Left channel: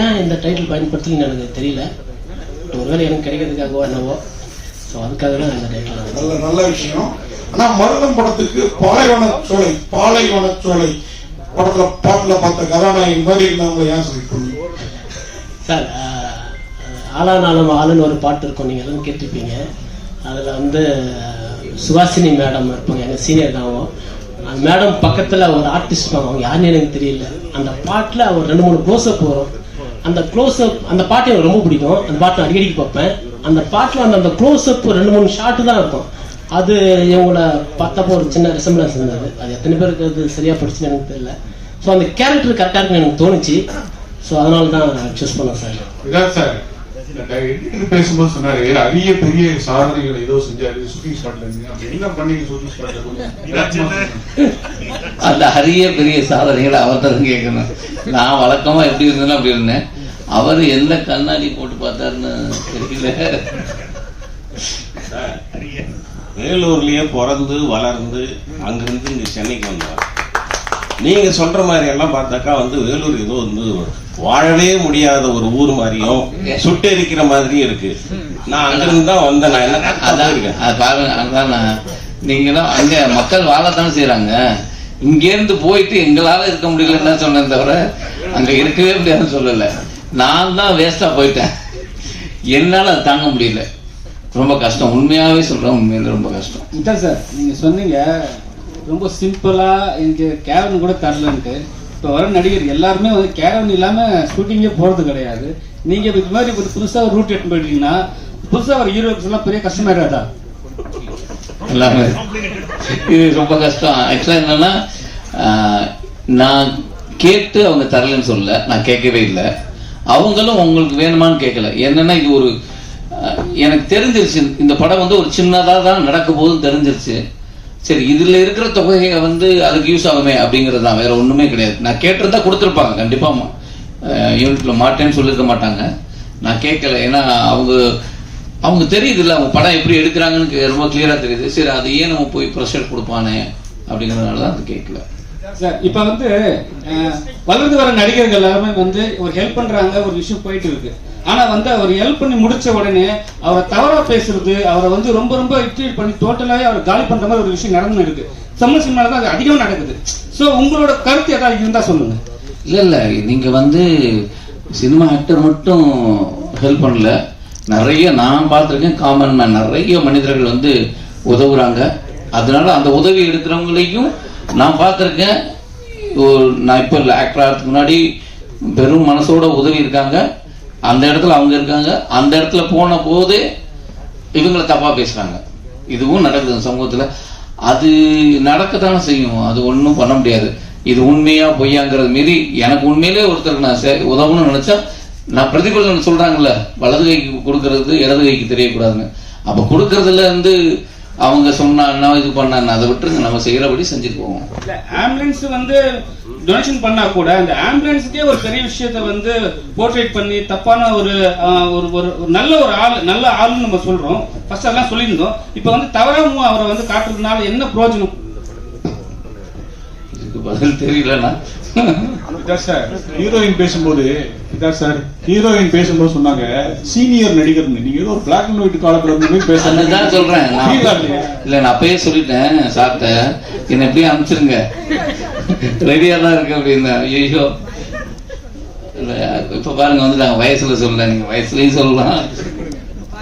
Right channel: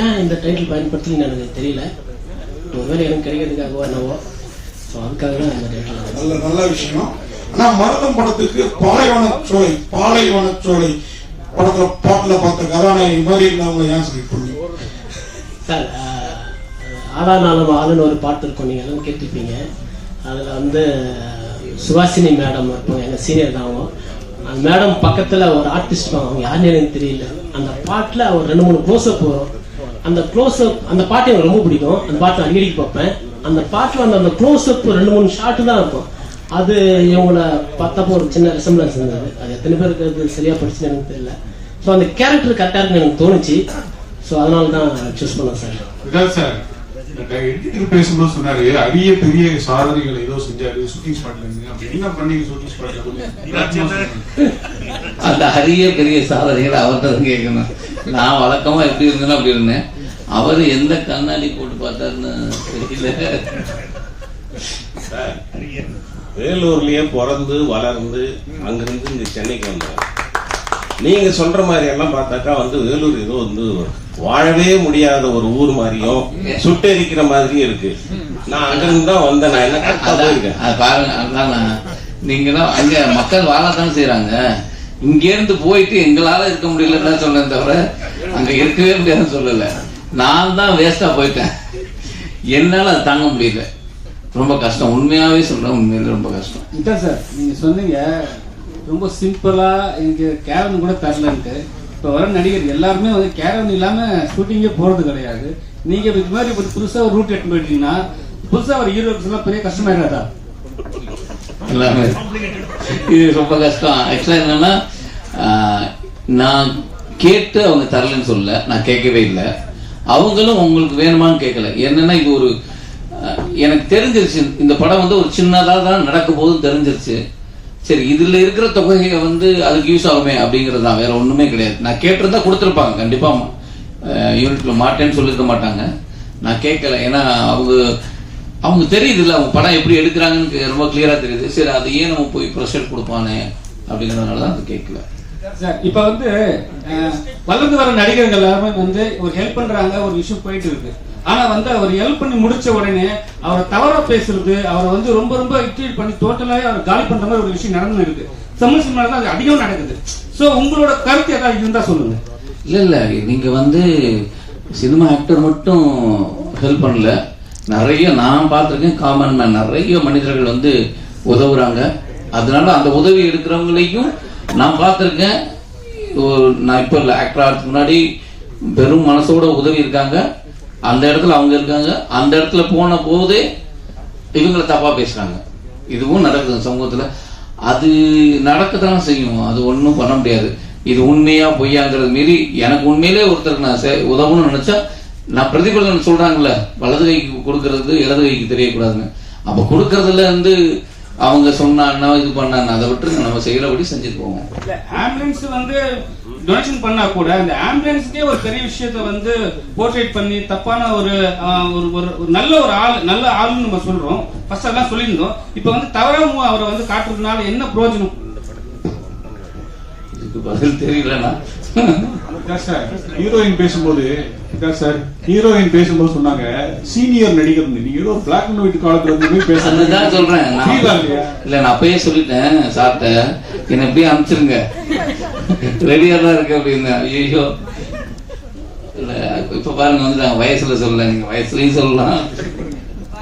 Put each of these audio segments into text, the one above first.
ஏன் இந்த டைட்டில் பயன்படுத்தலன்னு எனக்கு தெரியல. ஒருவேளை எனக்கு கிடைக்கிறதுக்காகவோ என்னவோ. ஸோ அதுக்காக தான் இந்த டைட்டில் நல்ல நல்ல விஷயம். ஆனா மருதம் படத்துக்கு பாலைவன சோலை பாலைவன சோலை படத்துல பாட்டுல பார்த்த கதாநாயகி மாதிரி இருந்தவங்க ஏன் பண்ணீங்க சார் ஆளா நாளும் ஆளுன்னு ஒரு பாட்டு இருக்கும். நீங்கள் எல்லாம் கேட்டிருப்பீங்க. அதில் வந்து சுவாசினி மேடம் இருப்பாங்க. எனக்கு சீனியர் தான். அந்த மேடம் பக்கத்தில் ஒரு ஆர்டிஸ்ட் அவங்க யாருன்னு எனக்கு தெரியல. அந்த பாட்டில் ஒரு ரெண்டு மூணு க்ளோஸ்அப் வரும் அந்த க்ளோஸ்அப் அந்த பாட்டு எனக்கு ரொம்ப பிடிக்கும். அந்த பாட்டு அடிக்கடி பார்ப்பேன். அந்த பாட்டில் அந்த அந்த க்ளோஸ்அப் ரெண்டு மூணு ஷாட்டு தான் இருக்கும். அது இவங்கள பார்த்தப்போ ஒரு சின்ன ரெசம்பிளன்ஸ் இருந்தது. அது எத்தனை பேருக்கு அது சரியாக படிச்சுன்னு எனக்கு தெரியல. ஸோ அந்த கேரக்டர் கரெக்டாக இருக்குன்னு எனக்கு தோணுச்சு. ஸோ அதனால தான் சூஸ் பண்ணேன் சார் இதான் சார் எடிட்டர் பேசும்போது சொன்னாரு அரிய பெரிய சாதனைகள் ஏதோ செஞ்சாரு ஷூட்டிங் ஸ்பாட்ல என்ன பண்ணீங்க ஷூட்டிங் ஸ்பாட்ல அந்த அரிய பெரிய சாதனைகளை அவர்கிட்ட தான் கேட்கணும். நான் வழக்கமா எப்படி இருந்தேனோ அப்படி இருந்தேன். அவர் எந்த கண்ணாடி போட்டு பார்த்தாருன்னு தெரியல. வேலூர்லயே பிறந்து வளர்ந்து அங்கிருந்து இங்க சென்னைக்கு வந்தார். நீங்க சொல்ற மாதிரி எல்லாம் பார்த்தாக்கா வந்து வேலூர் ஏதோ வந்து வாழவே முடியாத ஒரு ஊர் மாதிரியும் சுட்டெரிக்கிற மாதிரியும் இருக்கு. நான் அங்கிருந்து தான் வந்தேன். நான் என்ன நான் நீங்கன்னா அங்க மக்கள் வாழத்தானே செய்யறாங்க இங்க இருந்து போயிட்டு எங்களால இருக்க முடியலன்னு தான் சொன்னேன் தவிர அங்க இருக்கவே முடியாதுன்னு சொல்லல. நான் தான் வேஸ்டா போயிட்டேன். என்னால அதை தாங்க முடியல. ரொம்ப கஷ்டம். உண்மையாவே சொல்றேன் உண்மையில ரொம்ப கஷ்டம். இதான் சார் நீங்க சொன்னீங்க ரொம்ப சிம்பிளா எனக்கு கேரன் கூட தரலன்ட்டு. இப்போ வர நடிகர் எல்லாருமே வந்து கேரன் இல்லாம ஷூட்டிங்கே போறது கிடையாது. நீங்க இதுக்கு மாதிரி ஒரு புதுசா ஒரு ரூட் எடுத்து போயிட்டீங்கன்னா புதுசா ஒரு ஹீரோஸ் எல்லாம் பெரிய கஷ்டமா இருக்காதா? எல்லாமே. இது ரொம்ப கஷ்டம். ஆக்சுவலா என்னன்னா நான் கேட்டு அவங்க தரலன்னு சொல்லல. நான் கேட்கவே இல்லை. அவங்களும் உங்களுக்கு வேணுமான்னு கேட்கல. என்னன்னா இது ஒரு எனக்கு தெரிஞ்சிருச்சு. இந்த படம் வந்து ஒரு சின்னதாக தான் நடக்க போதும் தெரிஞ்சிருச்சு. சரி இதில் இருக்கிற தொகையை வந்து அதுக்கு யூஸ் ஆகுமே அப்படிங்கிறது தான். வேற ஒன்றுமே கிடையாது. நான் கேட்டிருந்தா கொடுத்துருப்பாங்க கண்டிப்பாக யூனிட்ல மாட்டேன்னு சொல்லியிருக்க மாட்டாங்க. நான் கேட்கல. ஏன்னா அவங்க அவங்க தெரியுது இல்லை அவங்க படம் எப்படி எடுக்கிறாங்கன்னு ரொம்ப கிளியராக தெரியுது. சரி அது ஏன் நம்ம போய் ப்ரெஷர் கொடுப்பானே அப்படிங்கிறதுனால தான் அது கேட்கல. சார் இப்ப வந்து வளர்ந்து வர நடிகர்கள் எல்லாருமே வந்து ஒரு ஹெல்ப் பண்றாங்க ஒரு விஷயம் போயிட்டு இருக்கு. ஆனா வந்து அவர் ஹெல்ப் பண்ணி முடிச்ச உடனே அவரை தவறா பேசுறது அவரை வந்து ரொம்ப ரொம்ப ட்ரீட் பண்ணி டோட்டலாவே அவர் காலி பண்ற மாதிரி ஒரு விஷயம் நடந்து இருக்கு. சமூக சினிமால தான் அது அதிகம் நடக்குது. சோ உங்களோட கருத்து ஏதாவது இருந்தா சொல்லுங்க. இல்ல இல்ல நீங்க வந்து சினிமா ஆக்டர் மட்டும் ஹெல்ப் பண்ணல. நிறைய நான் பார்த்திருக்கேன் காமன் நிறைய மனிதர்கள் வந்து உதவுறாங்க. அதனால அந்த உதவி எடுக்கிறவங்களையும் நான் பார்த்துருக்கேன். ஒரு- நான் இப்போ இல்லை ஆக்டர் ஆகிறதுக்கு முன்னாடி பெரும் மனசோட உதவி இருக்காங்க. அந்த இடத்துல அவங்க இருக்காங்க. அந்த இடத்துல போன போதே இவங்களை தப்பாக பேசுகிறாங்க இதுவும் நடக்குது சமூகத்தில். அது அது தான் செய்யும். அது ஒன்றும் பண்ண முடியாது. இது உண்மையா பொய்யாங்கிறது மாரி எனக்கு உண்மையிலே ஒருத்தருக்கு நான் உதவணும்னு நினைச்சா நான் பிரதிபலன் சொல்றாங்கல்ல வலது கைக்கு கொடுக்கறது இடது கைக்கு தெரியக்கூடாதுன்னு. அப்ப கொடுக்கறதுல வந்து அவங்க சொன்னான்னா இது பண்ணான்னா அதை விட்டுருங்க நம்ம செய்யறபடி செஞ்சுட்டு போவோம் இல்ல ஆம்புலன்ஸ் வந்து டொனேஷன் பண்ணா கூட அந்த ஆம்புலன்ஸுக்கே ஒரு பெரிய விஷயத்த வந்து போர்ட்ரேட் பண்ணி தப்பான ஒரு ஒரு ஒரு ஒரு நல்ல ஒரு ஆள் நல்ல ஆளுன்னு நம்ம சொல்றோம். ஃபர்ஸ்ட் எல்லாம் சொல்லியிருந்தோம். இப்போ வந்து தவறாம அவரை வந்து காட்டுறதுனால என்ன பிரயோஜனம்? இதுக்கு பதில் தெரியலன்னா ஹீரோயின் பேசும்போது இதான் சார். ஹீரோயின் பேசும்போது சொன்னாங்க சீனியர் நடிகர் நீங்க ஏதோ பிளாக் அண்ட் ஒயிட் காலத்துல இருந்து அதுதான் சொல்றேன். இல்ல நான் அப்பயே சொல்லிட்டேன் சாப்பிட்ட என்ன எப்படியே அனுப்பிச்சிருங்க. ரெடியா தான் இருக்கு அப்படின்னா ஐயோ இல்ல இப்ப பாருங்க வந்து நான் வயசுல சொல்லல நீங்க வயசுலயும் சொல்லலாம்.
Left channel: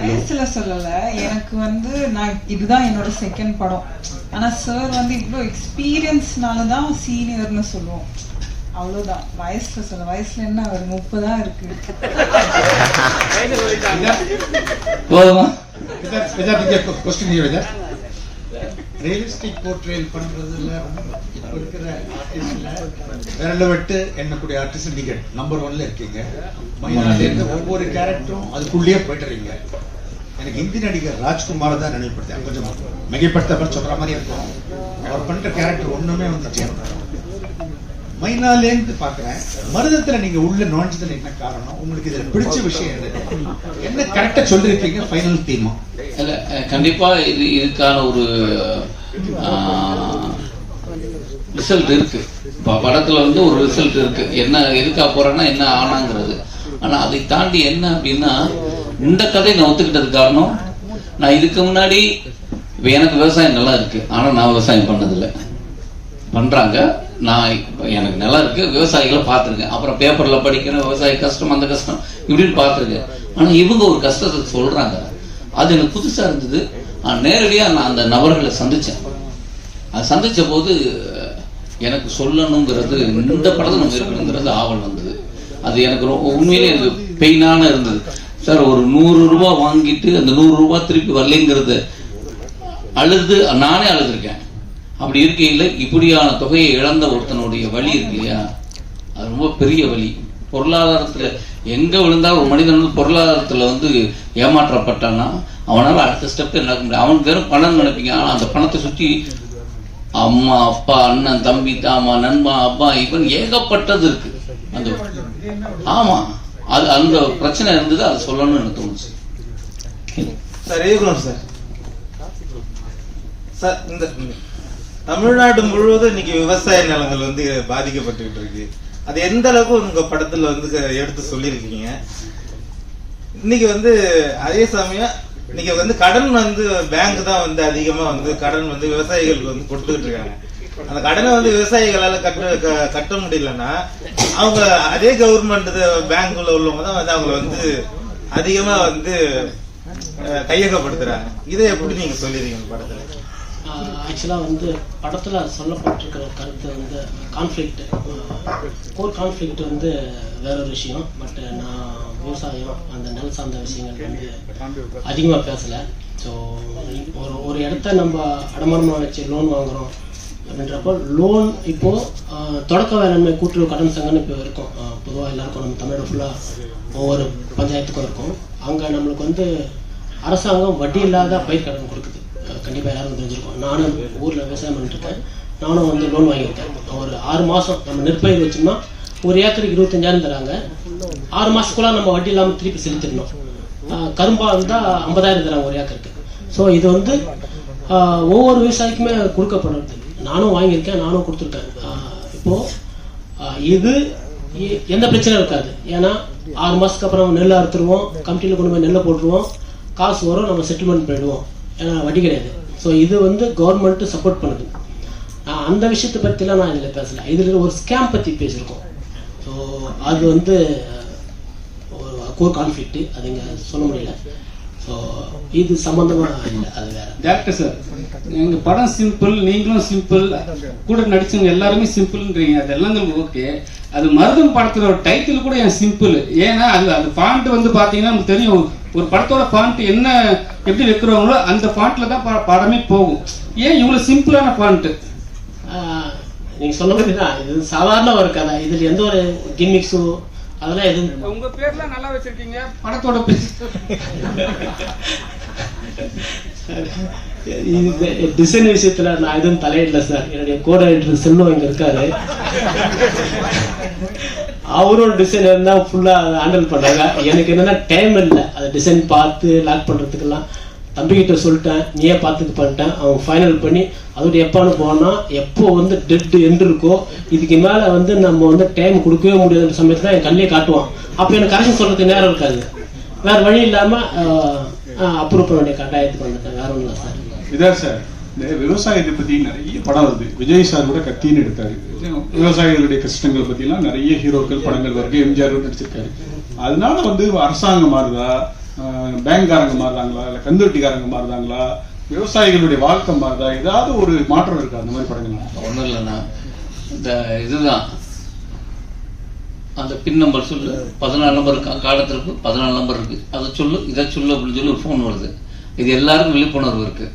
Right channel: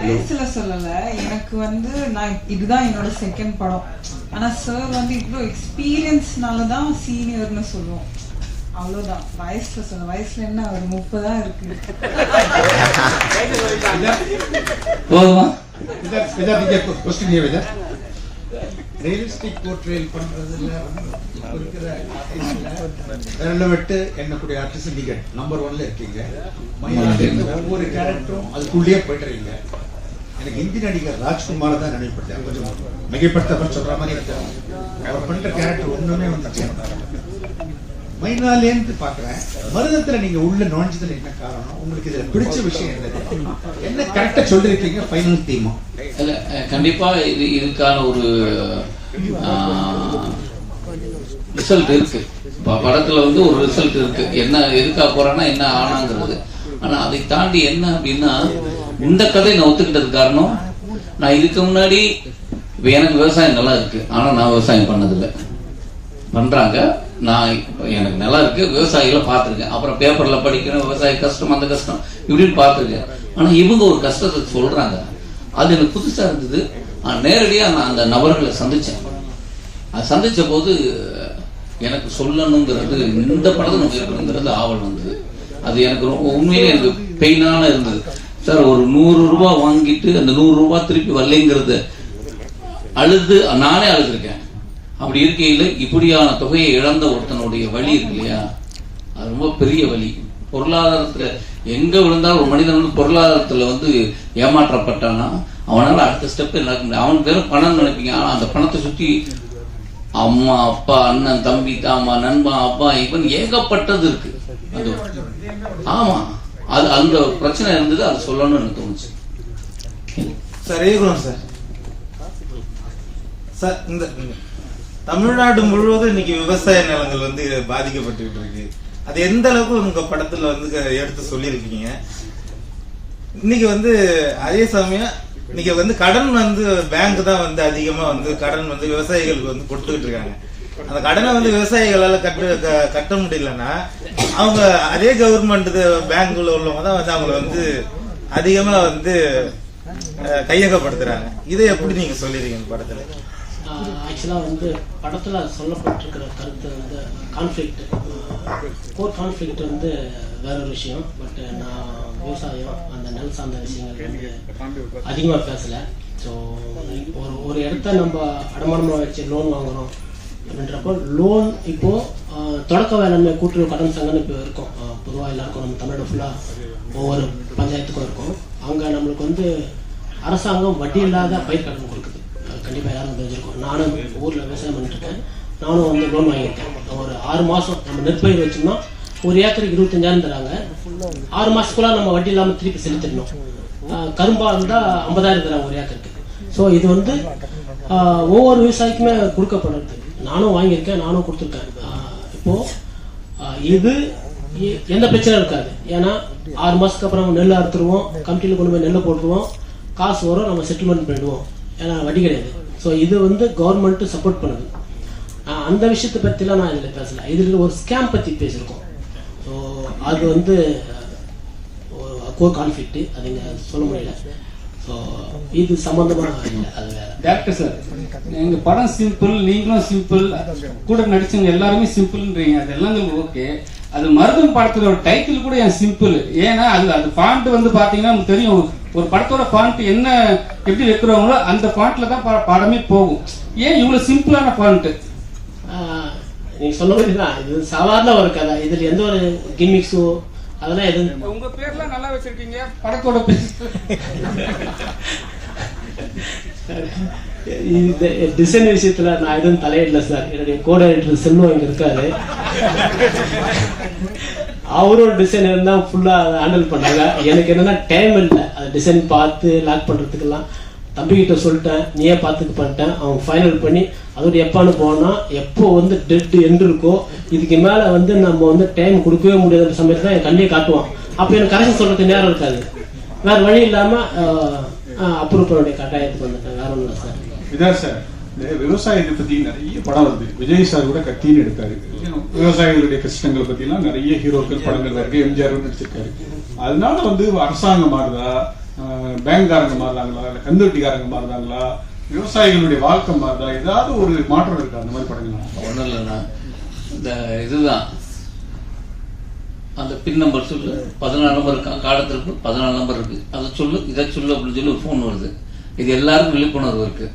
வயசுல சொல்லல. எனக்கு வந்து நான் இதுதான் என்னோட செகண்ட் படம். ஆனா சார் வந்து இவ்வளோ எக்ஸ்பீரியன்ஸ்னால தான் சீனியர்னு சொல்லுவோம். அவ்வளவுதான். வயசுல சொல்ல வயசுல என்ன ஒரு முப்பதா இருக்கு. போதுமா? கொஸ்டின் ரியலிஸ்டிக் போர்ட்ரேல் இப்ப இருக்கிற விரல விட்டு எண்ணக்கூடிய ஆர்டிஸ்ட் நீங்க நம்பர் ஒன்ல இருக்கீங்க. ஒவ்வொரு கேரக்டரும் அதுக்குள்ளேயே போயிட்டுறீங்க. எனக்கு ஹிந்தி நடிகர் ராஜ்குமார் தான் நினைப்படுத்தேன் கொஞ்சம் மிகைப்படுத்தவர் சொல்ற மாதிரி இருக்கும். அவர் பண்ற கேரக்டர் ஒண்ணுமே வந்து மைனாலேந்து பாக்குறேன் மருதத்துல நீங்க உள்ள நுழைஞ்சதுல என்ன காரணம்? உங்களுக்கு இதுல பிடிச்ச விஷயம் என்ன கரெக்டா சொல்லிருக்கீங்க? ஃபைனல் தீமா இல்ல, கண்டிப்பா இது இதுக்கான ஒரு ரிசல்ட் இருக்கு. படத்துல வந்து ஒரு ரிசல்ட் இருக்கு. என்ன எதுக்காக போறேன்னா என்ன ஆனாங்கிறது. ஆனா அதை தாண்டி என்ன அப்படின்னா இந்த கதையை நான் ஒத்துக்கிட்டது காரணம் நான் இதுக்கு முன்னாடி எனக்கு விவசாயம் நல்லா இருக்கு. ஆனா நான் விவசாயம் பண்ணதில்லை. பண்றாங்க. நான் எனக்கு நல்லா இருக்கு விவசாயிகளை பார்த்துருக்கேன். அப்புறம் பேப்பரில் படிக்கிறேன் விவசாய கஷ்டம் அந்த கஷ்டம் இப்படின்னு பார்த்துருக்கேன். ஆனால் இவங்க ஒரு கஷ்டத்தை சொல்கிறாங்க அது எனக்கு புதுசாக இருந்தது. நான் நேரடியாக நான் அந்த நபர்களை சந்தித்தேன் அது சந்திச்ச போது எனக்கு சொல்லணுங்கிறது இந்த படத்தை நம்ம இருக்கணுங்கிறது ஆவல் வந்தது. அது எனக்கு ரொம்ப- உண்மையிலே எனக்கு பெயினான இருந்தது. சார் ஒரு நூறு ரூபாய் வாங்கிட்டு அந்த நூறு ரூபாய் திருப்பி வரலைங்கிறது அழுது நானே அழுதுருக்கேன். அப்படி இருக்கையில் இப்படியான தொகையை இழந்த ஒருத்தனுடைய வழி இருக்கு இல்லையா? அது ரொம்ப பெரிய வழி. பொருளாதாரத்துல எங்க விழுந்தாலும் ஒரு மனிதன் வந்து பொருளாதாரத்துல வந்து ஏமாற்றப்பட்டான்னா அவனால அடுத்த ஸ்டெப் நடக்க முடியும்? அவன் வெறும் பணம் நினைப்பீங்க. ஆனா அந்த பணத்தை சுத்தி அம்மா அப்பா அண்ணன் தம்பி தாமா நண்பன் அப்பா இவன் ஏகப்பட்டது இருக்கு. அது ஆமா. அது அந்த பிரச்சனை இருந்தது அது சொல்லணும்னு எனக்கு தோணுச்சு. Sir ஏகுணம் sir. சார் இந்த தமிழ்நாடு முழுவதும் இன்னைக்கு விவசாய நிலங்கள் வந்து பாதிக்கப்பட்டுக்கிட்டு இருக்கு. அது எந்த அளவுக்கு உங்க படத்துல வந்து எடுத்து சொல்லியிருக்கீங்க? இன்னைக்கு வந்து அதே சமயம் இன்னைக்கு வந்து கடன் வந்து பேங்க் தான் வந்து அதிகமா வந்து கடன் வந்து விவசாயிகளுக்கு வந்து கொடுத்துக்கிட்டு இருக்காங்க. அந்த கடனை வந்து விவசாயிகளால கட்ட க- கட்ட முடியலன்னா அவங்க அதே கவர்மெண்ட் பேங்க்ல உள்ளவங்க தான் வந்து அவங்க வந்து அதிகமா வந்து கையகப்படுத்துறாங்க. இதை எப்படி நீங்க சொல்லிருக்கீங்க படத்துல? ஆக்சுவலாக வந்து படத்தில் சொல்லப்பட்டிருக்கிற கருத்து வந்து கான்ஃப்ளிக்ட் கோர் கான்ஃப்ளிக்ட் வந்து வேற ஒரு விஷயம். பட் நான் விவசாயம் அந்த நெல் சார்ந்த விஷயங்கள் வந்து அதிகமாக பேசலை. ஸோ ஒரு ஒரு இடத்த நம்ம அடமானமாக வச்சு லோன் வாங்குகிறோம் அப்படின்றப்போ லோன் இப்போ தொடக்க வேளாண்மை கூட்டுறவு கடன் சங்கம்னு இப்போ இருக்கும். பொதுவாக எல்லாருக்கும் நம்ம தமிழ்நாடு ஃபுல்லாக ஒவ்வொரு பஞ்சாயத்துக்கும் இருக்கும். அங்கே நம்மளுக்கு வந்து அரசாங்கம் வட்டி இல்லாத பயிர் கடன் கொடுக்குது. கண்டிப்பாக கண்டிப்பா எல்லாரும் தெரிஞ்சிருக்கும் நானும் ஊரில் விவசாயம் பண்ணிட்டு இருக்கேன். நானும் வந்து லோன் வாங்கியிருக்கேன். ஒரு ஆறு மாதம் நம்ம நெற்பயிர் வச்சோம்னா ஒரு ஏக்கருக்கு இருபத்தஞ்சாயிரம் தராங்க. ஆறு மாதத்துக்குள்ள நம்ம வட்டி இல்லாமல் திருப்பி செலுத்திடணும். கரும்பாக இருந்தால் ஐம்பதாயிரம் தராங்க ஒரு ஏக்கருக்கு. ஸோ இது வந்து ஒவ்வொரு விவசாயிக்குமே கொடுக்கப்படுறது. நானும் வாங்கியிருக்கேன் நானும் கொடுத்துருக்கேன். இப்போது இது எந்த பிரச்சனையும் இருக்காது. ஏன்னா ஆறு மாதத்துக்கு அப்புறம் நெல் அறுத்துருவோம் கமிட்டியில் கொண்டு போய் நெல்லை போட்டுருவோம். காசு வரும் நம்ம செட்டில்மெண்ட் பண்ணிடுவோம். ஏன்னா வட்டி கிடையாது. ஸோ இது வந்து கவர்மெண்ட் சப்போர்ட் பண்ணுது. நான் அந்த விஷயத்தை பற்றிலாம் நான் இதில் பேசல. இதில் ஒரு ஸ்கேம் பற்றி பேசியிருக்கோம். ஸோ அது வந்து ஒரு கோர் கான்ஃப்ளிக்ட் அது இங்கே சொல்ல முடியல. ஸோ இது சம்மந்தமாக இல்லை அது வேற. டேரக்டர் சார் எங்கள் படம் சிம்பிள் நீங்களும் சிம்பிள் கூட நடிச்சவங்க எல்லாருமே சிம்பிள்ன்றீங்க அதெல்லாம் நமக்கு ஓகே அது மருதம் படத்தில் ஒரு டைட்டில் கூட என் சிம்பிள் ஏன்னா அது அது பாண்ட் வந்து பார்த்தீங்கன்னா நமக்கு தெரியும். ஒரு படத்தோட ஃபாண்ட் என்ன எப்படி வைக்கிறவங்களோ அந்த ஃபாண்ட்ல தான் படமே போகும். ஏன் இவ்வளவு சிம்பிளான ஃபாண்ட் ஆஹ், நீங்க சொன்ன மாதிரி தான். இது சாதாரண ஒரு கதை. இதில் எந்த ஒரு கிம்மிக்ஸோ அதெல்லாம் எதுவும் உங்க பேர்லாம் நல்லா வச்சிருக்கீங்க. படத்தோட பேர். இது டிசைன் விஷயத்துல நான் எதுவும் தலையிடல சார் என்னுடைய கோட செல்வம் இங்க இருக்காரு அவரும் டிசைன் இருந்தால் ஃபுல்லாக ஹேண்டில் பண்ணுறாங்க எனக்கு என்னென்னா டைம் இல்லை. அது டிசைன் பார்த்து லாக் பண்ணுறதுக்கெல்லாம் தம்பிக்கிட்ட சொல்லிட்டேன். நீயே பார்த்துட்டு பண்ணிட்டேன். அவன் ஃபைனல் பண்ணி அதோட எப்பான்னு போனால் எப்போ வந்து டெட்டு எண்டு இருக்கோ இதுக்கு மேலே வந்து நம்ம வந்து டைம் கொடுக்கவே முடியாத சமயத்தில் என் கண்ணிலே காட்டுவான். அப்போ எனக்கு காசு சொல்கிறதுக்கு நேரம் இருக்காது. வேறு வழி இல்லாமல் அப்ரூவ் பண்ண வேண்டிய கட்டாயத்துக்கு வந்துட்டேன். வேறு ஒன்றும் இல்லை சார். இதான் சார். விவசாயத்தை பத்தி நிறைய படம் வருது. விஜய் சார் கூட கத்தின்னு எடுத்தாரு. விவசாயிகளுடைய கஷ்டங்களை பத்தி எல்லாம் நிறைய ஹீரோக்கள் படங்கள் வருது. எம்ஜிஆர் நடிச்சிருக்காரு. அதனால வந்து அரசாங்கம் மாறுதா? பேங்க்காரங்க மாறுறாங்களா இல்ல கந்துவட்டிக்காரங்க மாறுறாங்களா விவசாயிகளுடைய வாழ்க்கை மாறுதா? ஏதாவது ஒரு மாற்றம் இருக்கா அந்த மாதிரி படங்கள் ஒன்றும் இல்லைண்ணா. இந்த இதுதான். அந்த பின் நம்பர் சொல்லு. பதினாலு நம்பர் இருக்கா காலத்திற்கு பதினாலு நம்பர் இருக்கு. அதை சொல்லு இதை சொல்லு அப்படின்னு சொல்லி ஒரு ஃபோன் வருது. இது எல்லாருக்கும் விழிப்புணர்வு இருக்கு.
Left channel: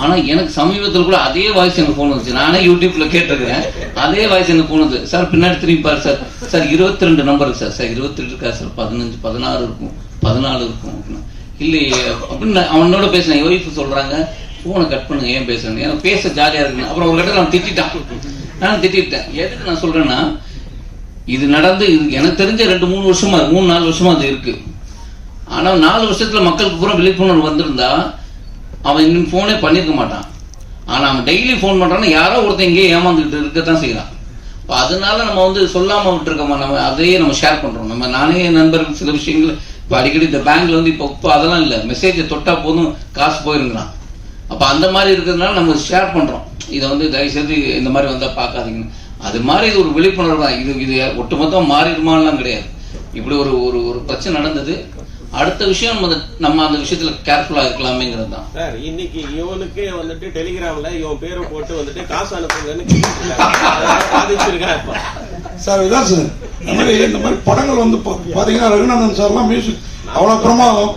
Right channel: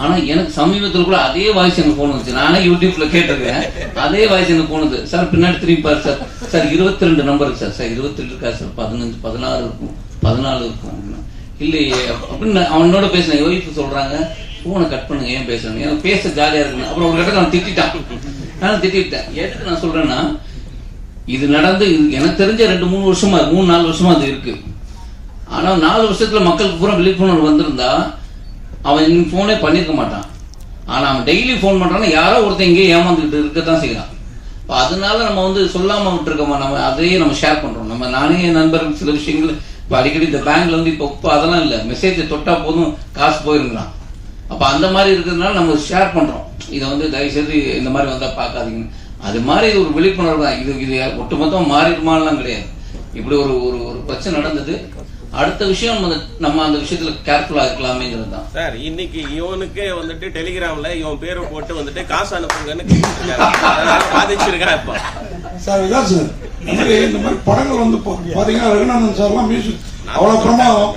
ஆனால் எனக்கு சமீபத்தில் கூட அதே வாய்ஸ் எனக்கு ஃபோன் வந்துச்சு. நானே யூடியூப்ல கேட்டிருக்கேன் அதே வாய்ஸ் எனக்கு ஃபோன் வந்து சார் பின்னாடி திரும்பி பாரு சார். சார் இருபத்தி ரெண்டு நம்பர் சார். சார் இருபத்தி ரெண்டு இருக்கா சார்? பதினஞ்சு பதினாறு இருக்கும். பதினாலு இருக்கும் அப்படின்னா. இல்லையே அப்படின்னு அவனோட பேசினேன் ஒய்ஃப் சொல்றாங்க. ஃபோனை கட் பண்ணுங்க ஏன் பேசுறேன் எனக்கு பேச ஜாலியா இருக்கு அப்புறம் ஒரு இடத்துல நான் திட்டிட்டான். நானும் திட்டிட்டேன். எதுக்கு நான் சொல்றேன்னா இது நடந்து எனக்கு தெரிஞ்ச ரெண்டு மூணு வருஷமா மூணு நாலு வருஷமா அது இருக்கு. ஆனால் நாலு வருஷத்துல மக்களுக்கு பூரா விழிப்புணர்வு வந்திருந்தா அவன் இன்னும் ஃபோனே பண்ணியிருக்க மாட்டான். ஆனால் அவன் டெய்லி ஃபோன் பண்ணுறான்னா யாரோ ஒருத்தன் இங்கேயே ஏமாந்துக்கிட்டு இருக்கத்தான் செய்கிறான் இப்போ அதனால நம்ம வந்து சொல்லாமல் விட்டுருக்கோமா? நம்ம அதையே நம்ம ஷேர் பண்ணுறோம் நம்ம நானே என் நண்பர்கள் சில விஷயங்கள் இப்போ அடிக்கடி இந்த பேங்க்ல வந்து இப்போ இப்போ அதெல்லாம் இல்லை. மெசேஜை தொட்டால் போதும் காசு போயிருங்கிறான் அப்போ அந்த மாதிரி இருக்கிறதுனால நம்ம ஷேர் பண்ணுறோம் இதை வந்து தயவுசெய்து இந்த மாதிரி வந்தால் பார்க்காதீங்க. அது மாதிரி இது ஒரு விழிப்புணர்வு தான். இது இது ஒட்டுமொத்தம் மாறிடுமான்லாம் கிடையாது. இப்படி ஒரு ஒரு ஒரு பிரச்சனை நடந்தது. அடுத்த விஷயம் நம்ம அந்த- நம்ம அந்த விஷயத்துல கேர்ஃபுல்லா இருக்கலாமேங்கிறது தான் சார் இன்னைக்கு இவனுக்கே வந்துட்டு டெலிகிராம்ல இவன் பேரை போட்டு வந்துட்டு காசு அனுப்புங்கன்னு இப்ப. சார் இதான் சார். இந்த மாதிரி இந்த மாதிரி படங்கள் வந்து பாத்தீங்கன்னா ரகுநாதன் சார்லாம் மியூசிக் அவ்வளவு பிரமாதம்.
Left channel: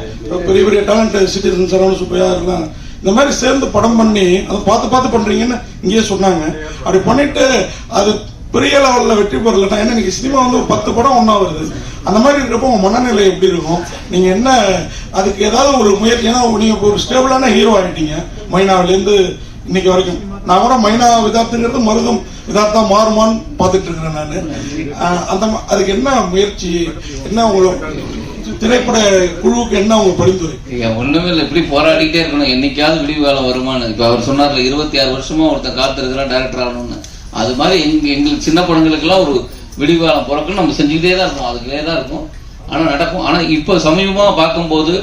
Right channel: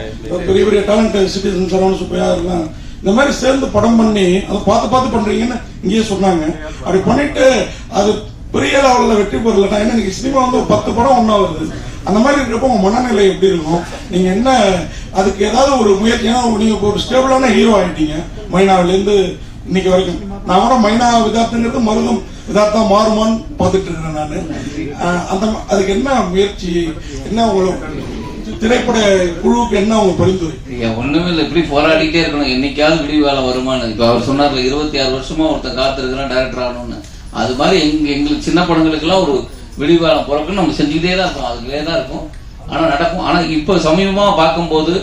பெரிய பெரிய டேலண்ட் சிட்டிசன் சரவண சுப்பையா இருக்கலாம் இந்த மாதிரி சேர்ந்து படம் பண்ணி அதை பார்த்து பார்த்து பண்றீங்கன்னு இங்கேயே சொன்னாங்க. அப்படி பண்ணிட்டு அது பெரிய லெவல்ல வெற்றி பெறலட்டா ஏன்னா இன்னைக்கு சினிமா வந்து ஒரு பத்து படம் ஒன்னா வருது. அந்த மாதிரி இருக்கிறப்ப உங்க மனநிலை எப்படி இருக்கும்? நீங்க என்ன அதுக்கு ஏதாவது ஒரு முயற்சி ஏன்னா நீங்க ஒரு ஸ்டேபிளான ஹீரோ ஆயிட்டீங்க. மைனாவில இருந்து இன்னைக்கு வரைக்கும். நான் வர மைனா விதார்த்துங்கிறது மருதம் விதார்த்தா மாறுமான்னு பார்த்துட்டு இருக்கிறேன் நான். அந்த அதுக்கு என்ன முயற்சி என்ன உங்களுக்கு திரைப்பட குழுவுக்கு என்ன உங்க பரிந்துரை? நீங்க ஒண்ணுமே இல்லை இப்படி போராடிட்டே இருக்கணும். என்னைக்காவது விடிவு வேலை வருமானு. இப்ப அவர் சொன்னார்ல இருபத்தி ஆறு வருஷமா ஒருத்தன் காத்திருக்கிறான் டைரக்டர் ஆகணும்னு. அது மாதிரி எங்க எங்களுக்கு சின்ன படங்களுக்கெல்லாம் ஒரு விடிவாளம் பிறக்கும் நம்ம செஞ்சுக்கிட்டே தான் இருக்கோம். அதுக்குள்ளே தான் இருக்கும். ஆனால் நடக்கும். ஆனால் இப்போ சமீபமா பார்க்கும்போது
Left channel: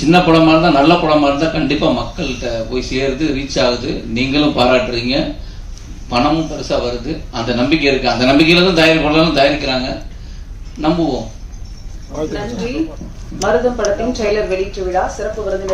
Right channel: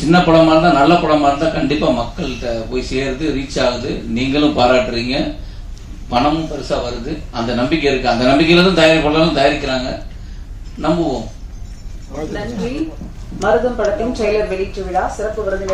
சின்ன படமாக இருந்தால் நல்ல படமாக இருந்தால் கண்டிப்பாக மக்கள்கிட்ட போய் சேருது ரீச் ஆகுது. நீங்களும் பாராட்டுறீங்க. பணமும் பெருசா வருது. அந்த நம்பிக்கை இருக்கு. அந்த நம்பிக்கையில தான் தயாரிப்பாளர்களும் தயாரிக்கிறாங்க. நம்புவோம். நன்றி. மருதம் படத்தின் ட்ரெய்லர் வெளியீட்டு விழா சிறப்பு விருந்தினர்